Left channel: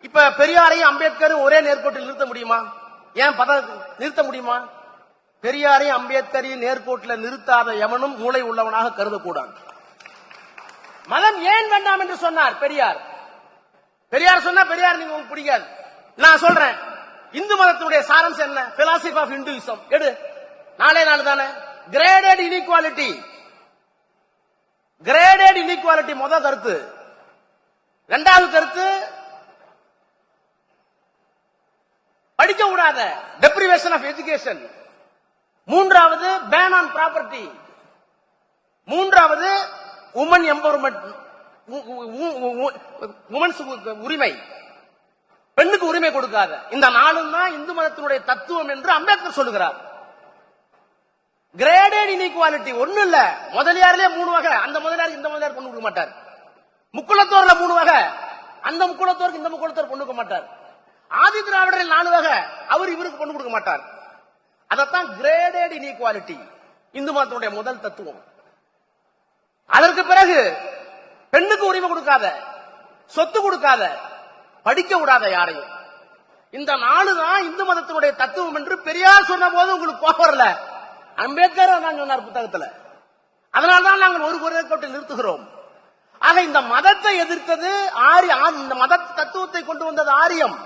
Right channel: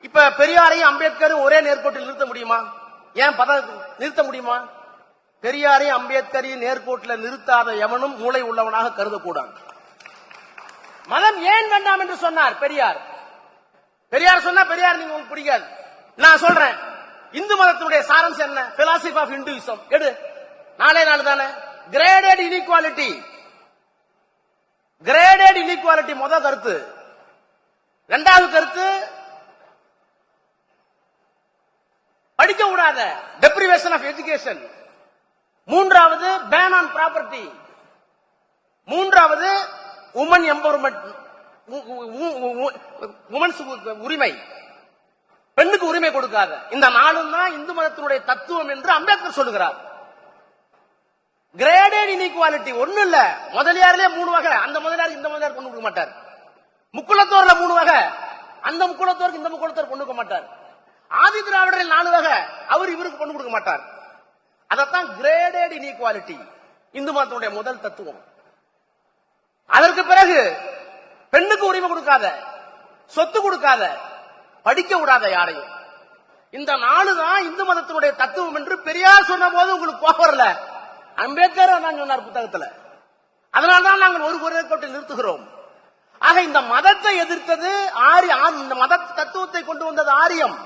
இப்ப பெரியாரையும் அம்பேத்கரும் ஒரே நேர்கோட்டில் நிறுத்த முடியுமா? ஏன் பத நிறுத்த முடியுமா? பெரியாரையும் அம்பேத்கரையும் நேர்கோட்டில் நிறுத்தாத எவனும் மூளை உள்ளவனாக கருதக்கூடாது. மதம் ஏன் வேண்டாம் என்று சொன்னார் பெரியார்? பெரியார் சொன்னா பெரியார் நீங்க உங்களுக்கு பிடிக்காது நான் சொல்றேன். இந்து மதத்துடைய சாரம்சம் என்ன? பிலாசபி ஆஃப் இந்துவிசம் எடு. நாளே நாள் தானே? கிரேடட் இன்இக்வாலிட்டி கிரேடட் இன்இக்வாலிட்டி முத கருத்து. இரண்டாவது கருத்து படிக்க கூடாத டெப்ரிவேஷன் ஆஃப் எஜுகேஷன் மூன்றாவது பேன் ஆன் ப்ராப்பர்ட்டி மூன்றாவது உமன் எம்பவர்மெண்ட் உமன்ஸ் உரிமை. பெண்ணுக்கு உரிமை கொடுக்காத. இந்த நாளும் தான் இந்து மதத்தினுடைய தத்துவம் என்று அம்பேத்கர் சொல்லுகிறார். கிரேடட் இன்இக்வாலிட்டி ஒண்ணு இல்ல. முதலியாரிலே மூணு வகை. அந்த முதலியார் இந்த முதலியார் கொண்டு கொடுக்க மாட்டார். முக்குளத்தோர்ல மூணு வகை. அந்த முக்குளத்தோருக்கு இந்த முக்குளத்தோர் கொண்டு கொடுக்க மாட்டார். ஆதி திராவிடரில் நாலு வகை அவர் இவருக்கு கொண்டு கொடுக்க மாட்டார். அதத்தான் கிரேடட் இன்இக்வாலிட்டி இந்து மதத்தினுடைய முதல் தத்துவம். அதற்கு பிறகு பெண்ணுக்கு உரிமை கொடுக்காத சொத்து கொடுக்காத படிக்க விடாத யாரையும். இந்த நாலு தான் இந்து மதத்தினுடைய தத்துவம் என்று பெரியார் சொன்ன போது உங்களுக்கு கோபம் வரல. அம்பேத்கர் தான் சொன்னார் புத்தகத்துல. அதனால்தான் நாங்கள் ஒரு குறைக்கோட்டை நிறுத்துகிறோம். ஆக இந்த மதத்தை எதிர்த்தது ஆரி இந்த மத தத்துவத்தை கொண்டு வந்தது ஆரியம்.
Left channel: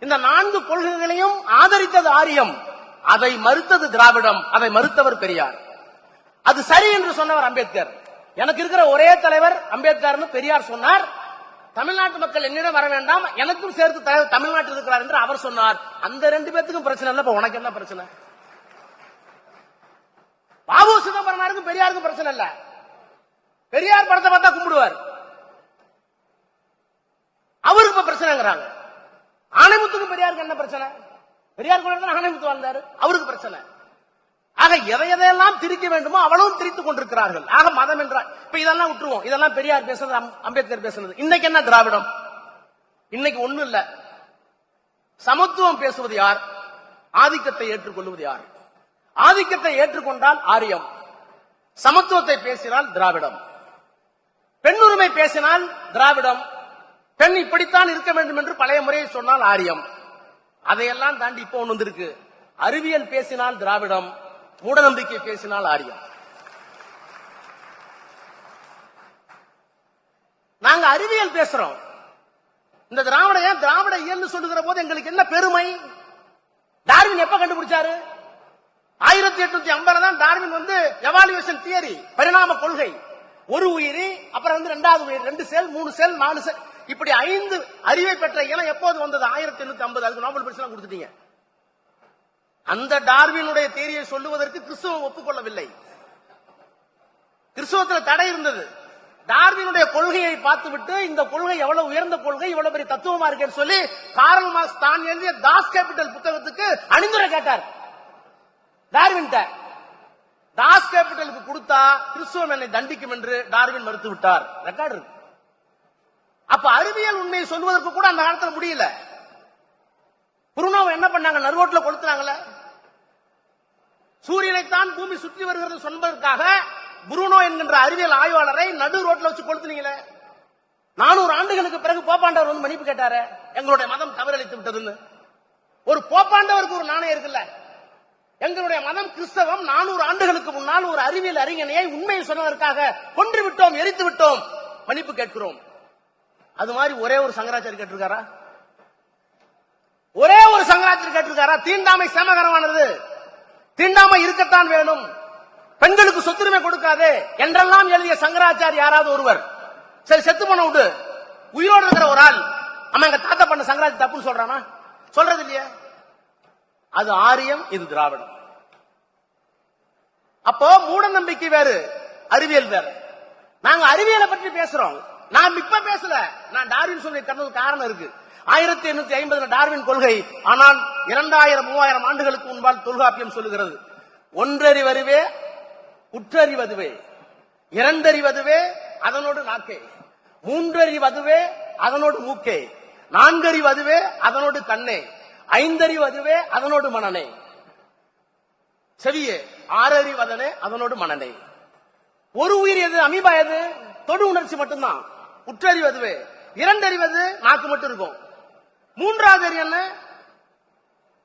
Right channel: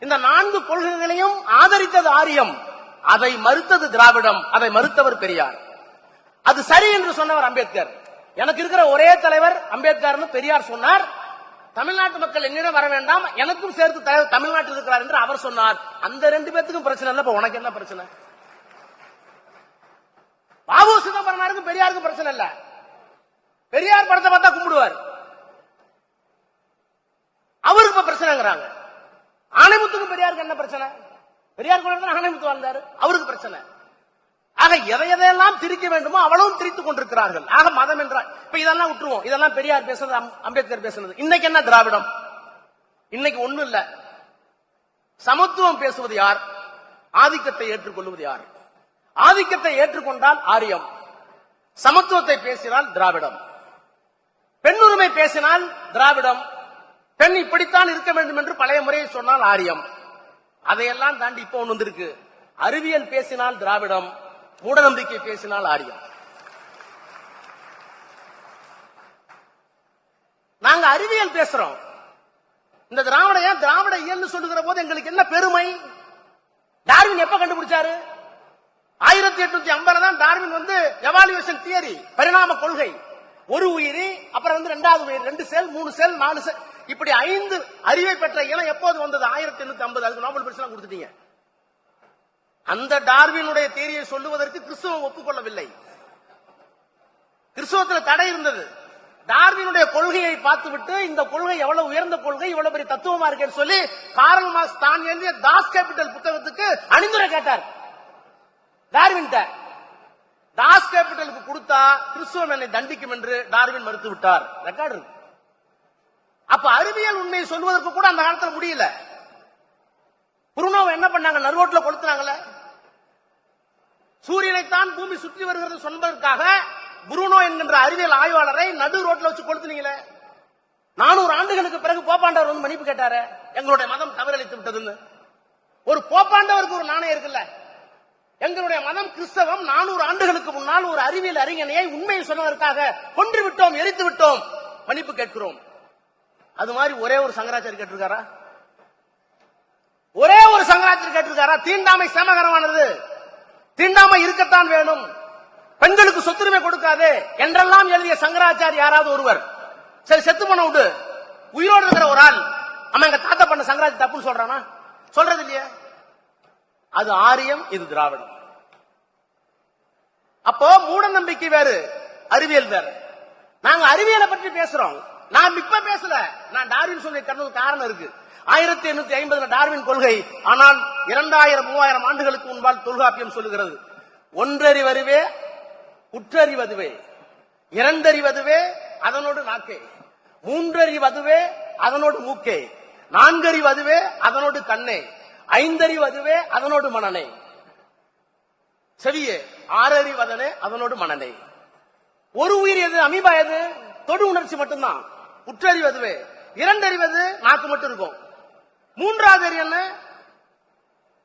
இந்த நான்கு கொள்கைகளையும் ஆதரித்தது ஆரியம். அதை மறுத்தது திராவிடம். அதை மறுத்தவர் பெரியார். அது சரி என்று சொன்னவர் அம்பேத்கர். எனக்கு இருக்கிற ஒரே தலைவர் அம்பேத்கர்னு பெரியார் சொன்னார். தமிழ்நாட்டு மக்கள் என்னிடம் வர வேண்டாம். எனக்கும் சேர்த்து தலைவர் தமிழ்நாட்டில் இருக்கிறார் என்று அவர் சொன்னார். அந்த ரெண்டு பேத்துக்கும் பிரச்சனை இல்லை. உனக்கு என்ன பிரச்சனை? பாபு சிதம்பரனாருக்கும் பெரியாருக்கும் பிரச்சனை இல்ல. பெரியார் படத்தை பார்த்தா கும்பிடுவார். அவருக்கு இப்ப பிரச்சனைங்கிறாங்க. அவருக்கும் பெரியாருக்கு என்ன பிரச்சனை? பெரியார் கோயில் தான் ஆணைமுத்து வாழ்ந்தாரு. அவருக்கு பிரச்சனை. ஆக எதை எதையெல்லாம் திரிக்க வேண்டுமோ அவளும் திரித்துக் கொண்டிருக்கிறார்கள். ஆக மதம் என்றால் இப்ப இதெல்லாம் விட்டுருவோம். இதெல்லாம் பெரியார் பேசுறது அம்பேத்கர் பேசுறது. இன்னைக்கு என்ன திராவிடம்? இன்னைக்கு ஒண்ணும் இல்ல. சமத்துவம் பேசுவது யார்? ஆதிக்கத்தை ஏற்றுக்கொள்வது யார்? ஆதிக்கத்தை ஏற்றுக்கொண்டால் ஆரியம். சமத்துவத்தை பேசினால் திராவிடம். பெண்ணுரிமை பேசினால் திராவிடம். பெண் இப்படித்தான் இருக்க வேண்டும் என்று பழைய முறையை சொன்னால் ஆரியம். அதையெல்லாம் தாண்டி இப்போ ஒன்று வந்திருக்கு. அறிவியல் பேசினால் திராவிடம் மூடநம்பிக்கை பேசினால் ஆரியம். நாங்க அறிவியல் பேசுறோம். இந்த திராவிட ஏன் திராவிட இயல்னு சொல்லுகிற போது எங்களுக்கு என்ன பெருமை? டார்வின் எப்ப கண்டுபிடிச்சாரு? ஆயிரத்தி எட்நூத்தி ஐம்பதுல தான் டார்வின் வந்து எவாலுவேஷன் தியரி பரிணாம கொள்கை. ஒரு உயிரி அப்புறம் வந்து ரெண்டாவது உயிர் ரெண்டு செல் மூணு செல் நாலு செல். இப்படி ஐந்து அறிவை பெற்ற இனம் எப்போது வந்தது? ஆயிரத்தி எண்ணூத்தி ஐம்பது. அதுக்கு நோபல் பரிசு கொடுத்துட்டீங்க. அந்த டார்வினுடைய தேரியை சொல்லுவதற்கு கிறிஸ்துவம் ஒப்புக்கொள்ளவில்லை. கிறிஸ்துவத்தில் தடை இருந்தது. டார்வினுடைய கொள்கையை பார்த்துவிட்டு இந்த கொள்கை எவ்வளவு உயர்ந்த கொள்கை இவ்வளவு பெரிய தத்துவமா இருக்குன்னு சொல்லி காரல் மார்க்ஸ் தான் எழுதிய தாஸ் கேபிட்டல் புத்தகத்துக்கு அணிந்துரை கேட்டார். டார்வின் தாஸ் கேபிட்டலுக்கு கொடுத்தா கிறிஸ்துவம் என்னை தண்டிக்கும் என்று டார்வின் மறுத்து விட்டார் ரெக்கார்டு இருக்கு. அப்ப அறிவியல் உண்மையை சொல்வதற்கு கூட அந்த காலத்துல முடியல. புருணோவை என்ன பண்ணாங்க? நறுவோட்டில் கொளுத்துறாங்கல்ல சூரியனைத்தான் பூமி சுற்றி வருகிறது சொன்னதற்காக புருனோ என்கின்ற அறிவியல் ஆய்வாளரை நடு ரோட்ல வச்சு கொளுத்துனீங்களே. நானூறு ஆண்டுகளுக்கு பிறகு போப்பாண்டவர் வந்து மன்னிப்பு கேட்டாரு. எங்களுடைய மதம் தவறளித்து விட்டதுன்னு. ஒரு போப்பாண்டவருக்கு ஒரு நாணயம் இருக்குல்ல? எங்களுடைய மதம் கிறிஸ்தவம் நானூறு ஆண்டுகளுக்கு முன்னால் ஒரு அறிவியல் அறிஞனையை உண்மையை சொன்னதற்காக கொன்று விட்டோம் எரித்து விட்டோம். மன்னிப்பு கேட்கிறோம். அது மாதிரி ஒரே ஒரு சங்கராச்சாரி கேட்டிருக்காரா? ஒரே ஒரு சங்கராச்சாரி கேட்டிருக்காரா? தீண்டாமை சேமகரமானது. தீண்டாமை இருக்கத்தான் வேணும் பெண்களுக்கு சொத்துரிமை கொடுக்காது. என்றெல்லாம் எழுதிய சங்கராச்சாரி யாராவது ஒருவர். சரி செத்து பண்ண விட்டு உயிரோடு இருக்கிற ஒரு ஆள். அவன் எங்க தாத்தா பண்ண சங்கராச்சாரி தப்புன்னு சொல்றானா? சொல்றது இல்லையே. அது ஆரியம் இது திராவிடம். அப்போ மூட நம்பிக்கை வேறு அறிவியல் வேறு. நாங்க அறிவியலை பற்றி பேசுறோம். நான் இப்ப பேசல. நான் டார்வின் சொல்லி தந்தது காரணம் இருக்கு. ஆயிரத்தி எண்ணூத்தி ஐம்பதுல டார்வின் கொள்கை ஆனால் இரண்டாயிரம் மூவாயிரம் ஆண்டுகளுக்கு முன்பால் தொல்காப்பியம் சொல்லுகிறது. ஒன்றறிவதுவே உற்றறிவதுவே இரண்டறிவதுவே அதனோடு நாக்கே மூன்றறிவதுவே அதனோடு மூக்கே நான்கறிவதுவே அதனோடு கண்ணே. ஐந்தறிவதுவே அதனோடு மனநே செவியே ஆறறிவதனே அதனோடு மனநே ஒரு உயிர் எது? அமீபா எது? தொடு உணர்ச்சி மட்டும்தான். உற்றறிவது இரண்டறிவது நாக்கு மட்டும் இருக்கும். மூன்றாவது அறிவு என்ன?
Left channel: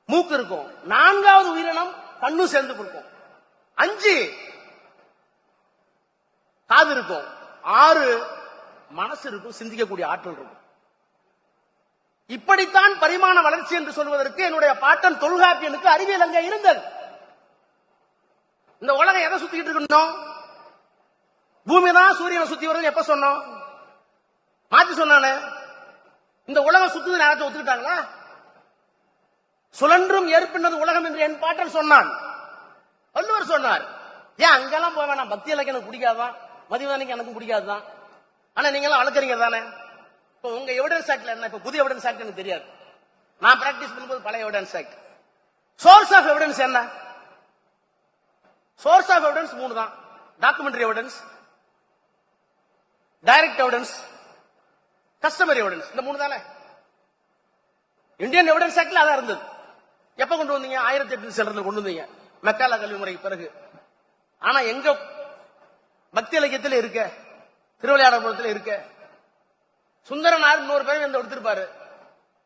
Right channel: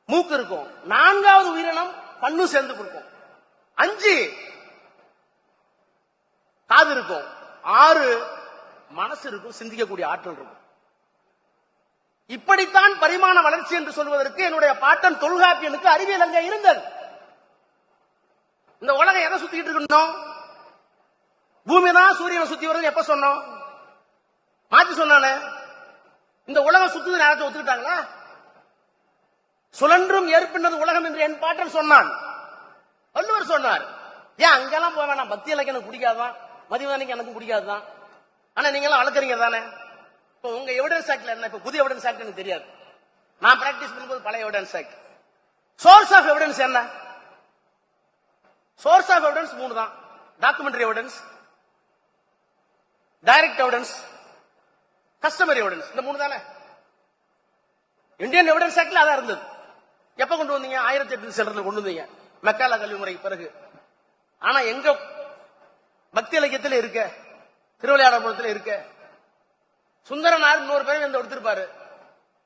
மூக்கு இருக்கும். நான்காவது உயிரினம் கண்ணு சேர்ந்து இருக்கும் அஞ்சு காது இருக்கும். ஆறு மனசு இருக்கும். சிந்திக்கக்கூடிய ஆற்றல் இருக்கும். இப்படித்தான் பரிமாண வளர்ச்சி என்று சொல்வதற்கு என்னுடைய பாட்டன் தொல்காப்பியனுக்கு அறிவியல் அங்கே இருந்தது. இந்த உலகம் எதை சுத்திக்கிட்டு இருக்கணும் பூமி தான் சூரியனை சுத்தி வருது எப்ப சொன்னோம்? மாத்தி சொன்னானே? இந்த உலகம் சுத்துது நேரத்தை ஒத்துக்கிட்டாங்களா? சுழன்றும் ஏற்பினது உலகம் என்று என் பாட்டன் சொன்னான். வள்ளுவர் சொன்னார் ஏன் அங்கெல்லாம் போக வேணாம் பக்தி எனக்கு எனக்கு பிடிக்காதான் மதிவானிக்கு எனக்கு பிடிக்காதுதான். ஆனா நீங்க எல்லாம் வளர்க்குறீங்க தானே? இப்போ உங்க எவிடன்ஸ் ஆக்ட்ல என்ன? இப்போ புதிய எவிடன்ஸ் ஆக்ட் எனக்கு தெரியாது. நான் பிராக்டிஸ் பண்ணும்போது பழைய evidence act source of evidence என்ன? சோர்ஸ் ஆஃப் எவிடன்ஸ் மூணு தான் documentary evidence direct evidence customer evidence இந்த மூணு தானே? இந்தியன் எவிடன்ஸ் ஆக்டில் அதான் இருந்தது. எப்ப கொண்டு வந்தீங்க? ஆயிரத்தி எட்டு சென்று கொண்டு வந்தீங்க. மெக்கால கல்வி முறைக்கு பிறகு. ஆனா எங்க பக்தி இலக்கியத்தில் இருக்க? திருவிளையாடபுரத்தில் இருக்க? சுந்தரனார் இன்னொரு பேர் இந்த எடுத்திருப்பாரு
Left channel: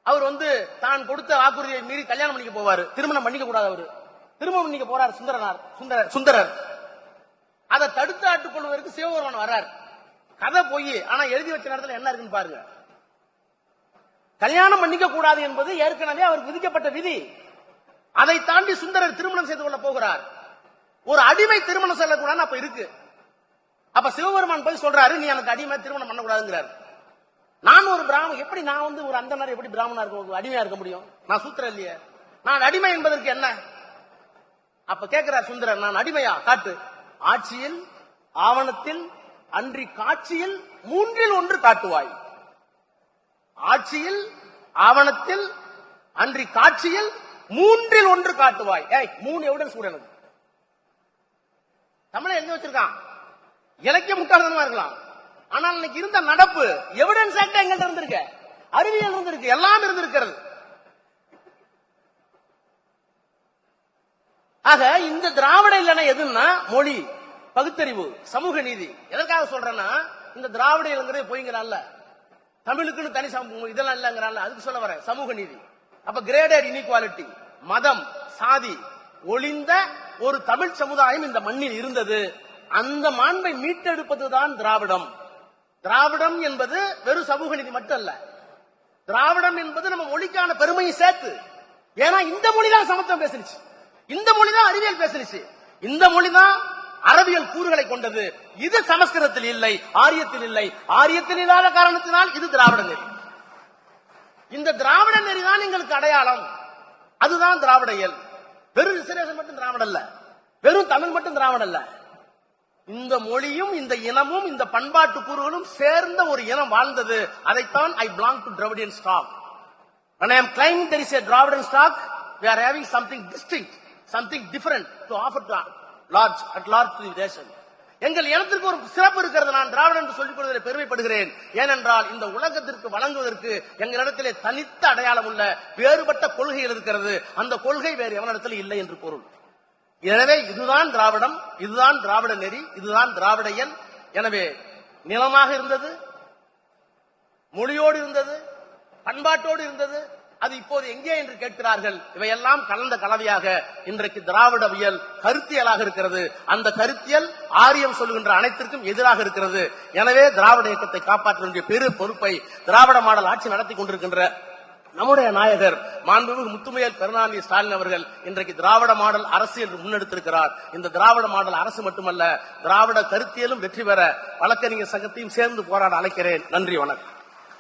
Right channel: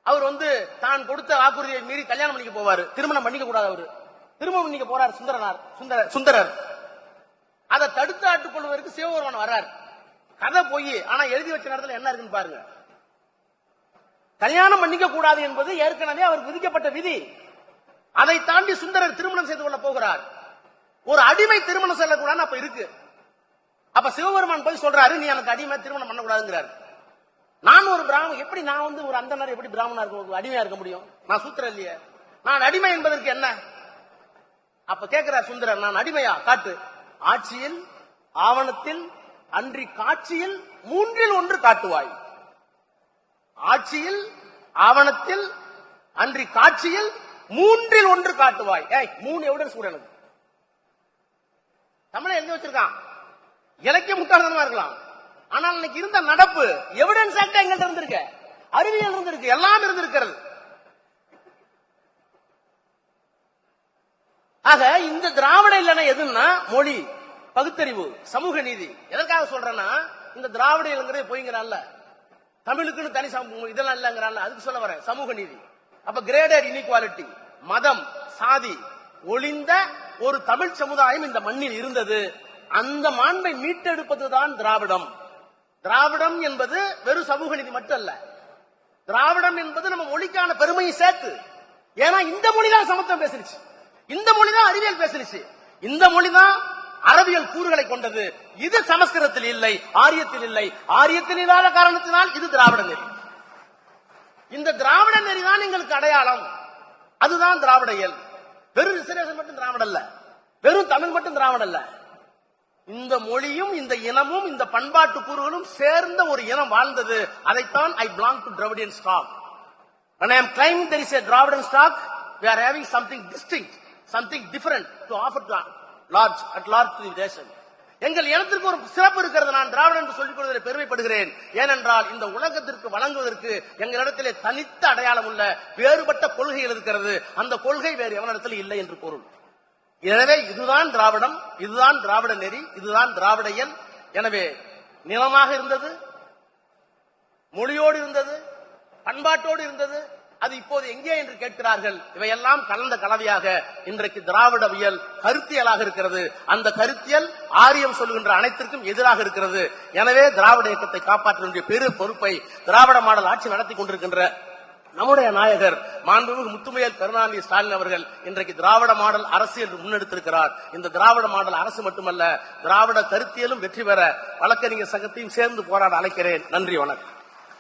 அவர் வந்து தான் கொடுத்த வாக்குறுதியை மீறி கல்யாணம் பண்ணிக்க போவாரு. திருமணம் பண்ணிக்க கூடாது அவரு. திருமணம் பண்ணிக்க போறார் சுந்தரனார். சுந்தர சுந்தரர். அதை தடுத்து ஆட்டுக் கொள்வதற்கு சிவபெருமான் வர்றாரு. கதை போய் ஆனா எழுதி வச்ச நேரத்துல என்ன இருக்குன்னு பாருங்க. கல்யாணம் பண்ணிக்க கூடாது என்பது ஏற்கனவே அவர் விதிக்கப்பட்ட விதி. அதை தாண்டி சுந்தரர் திருமணம் செய்து கொள்ள போகிறார். ஒரு அடிமை திருமணம் செல்லக்கூடாதுன்னு அப்ப இருக்கு. அப்ப சிவபெருமான் போய் சொல்றாரு நீ எனக்கு அடிமை திருமணம் பண்ணக்கூடாதுங்கிறார். நான் ஒரு பிராமணன் எப்படி நான் வந்து ஒரு அந்த நேரம் எப்படி பிராமணா இருக்க ஒரு அடிமையா இருக்க முடியும்? நான் சூத்திரம் இல்லையே. நான் அடிமை என்பதற்கு என்ன? அப்ப கேட்கிறார் சுந்தரர் நான் அடிமையா? காட்டு. ஆட்சியில் ஆவணத்தில் அன்றி காட்சியில் மூன்றில் ஒன்று காட்டுவாய். ஆட்சியில் ஆவணத்தில் அன்றி காட்சியில் மூன்றில் ஒன்று காட்டுவாய். ஏய் மூணு எவிடன்ஸ் கூட எனக்கு தமிழை எழுதி வச்சிருக்கான். இலக்கிய முட்டாள்தனமா இருக்கலாம். ஆனால் இன்னைக்கு இருந்த நடப்பு எவிடன்ஸ் ஆக்ட் எங்கள்கிட்ட இருந்திருக்கு. அறிவியல் இருந்திருக்கு. எல்லாம் இருந்திருக்கிறது. ஆக இந்த திராவிட இல்லைன்னா எதுன்னா மொழி. பகுத்தறிவு சமூக நீதி. எதற்காக சொல்றேன்னா இந்த திராவிட இல்லைங்கிறது பொய்ங்கிறான்ல. தமிழுக்குன்னு தனி சமூகம் இதெல்லாம் இல்லைங்கிறான்ல. அதுக்கு சொல்ல வரேன். சமூக நீதி. அப்ப கிரேடர் இன்இக்வாலிட்டி மதம் சாதி ஒளிந்த ஒரு தமிழ் சமுதாயம் இந்த மண்ணில் இருந்தது. அந்த மாண்பை மீட்டெடுப்பதுதான் திராவிடம். திராவிடம் என்பது வெறும் சமூக நீதி மட்டும் அல்ல திராவிடம் என்பது நம்ம மொழிக்கான பெருமையை சேர்த்து. ஏன்னா இந்த மொழி தான் சமத்துவம் பேசிருச்சு. இந்த மொழி தான் அறிவியல் பேசிருச்சு. இந்த மொழி தான் அறிவியல் கூறுகளை கொண்டது. இது சமஸ்கிருதத்தில் இல்லை ஆரியத்தில் இல்லை. ஆரியத்தில் இல்லாத காரணத்தினால் இது திராவிட நெறி. இந்த திராவிட நெறி தான் எங்களுக்கு அடையாளம். அதுதான் திராவிட இயல். வெறும் ரிசர்வேஷன் மட்டும் திராவிட அல்ல. வெறும் தமிழ் மட்டும் திராவிட அல்ல. இந்த மொழியும் இந்த இனமும் இந்த பண்பாட்டு கூறுகளும் சேர்ந்த ஒரு இனம் வாழ்ந்தது. அதைத்தான் I belong to Dravidian stock When I am claiming there is a Dravidian stock, we are having something distinct, something different to offer large at large to எங்கள் இனத்திற்கு ஒரு சிறப்பு இருக்கிறது. நான் திராவிடன் என்று சொல்லிக் கொள்வதில் பெருமைப்படுகிறேன். ஏனென்றால் இந்த உலகத்திற்கு வழங்குவதற்கு எங்களிடத்திலே தனித்த அடையாளம் உள்ள வேறுபட்ட கொள்கைகள் இருக்கிறது. அந்த கொள்கை வேறு எவனிடத்தில் இல்லை என்று கூறும். எனவே இதுதான் திராவிடம் இதுதான் திராவிட நெறி இதுதான் திராவிடயன் எனவே நிலமாக இருந்தது மொழியோடு இருந்தது பண்பாட்டோடு இருந்தது அது இப்போது எங்கே என்று கேட்கிறார்கள்? இவையெல்லாம் கலந்த கலவையாக இன்றைக்கு திராவிடவியல் கருத்தியலாக இருக்கிறது. அந்த கருத்தியல் ஆரியம் சொல்லுகின்ற அனைத்திற்கும் எதிராக இருக்கிறது. எனவே திராவிட இயக்கத்தை காப்பாற்ற வேண்டிய பெரு பொறுப்பை திராவிட மாடல் ஆட்சி நடத்தி கொண்டிருக்கின்ற நம்முடைய நாயகர் மாண்புமிகு முத்துமையர் கருணாநிதி ஸ்டாலின் அவர்கள் இன்றைக்கு திராவிட மாடல் அரசு என்று முன்னெடுத்திருக்கிறார். இந்த திராவிட மாடல் அரசு மட்டுமல்ல திராவிட கருத்தியலும் வெற்றி பெற வழக்கறிஞர் சங்கத்தையும் சேர்ந்து போராட அழைக்கிறேன். நன்றி வணக்கம்.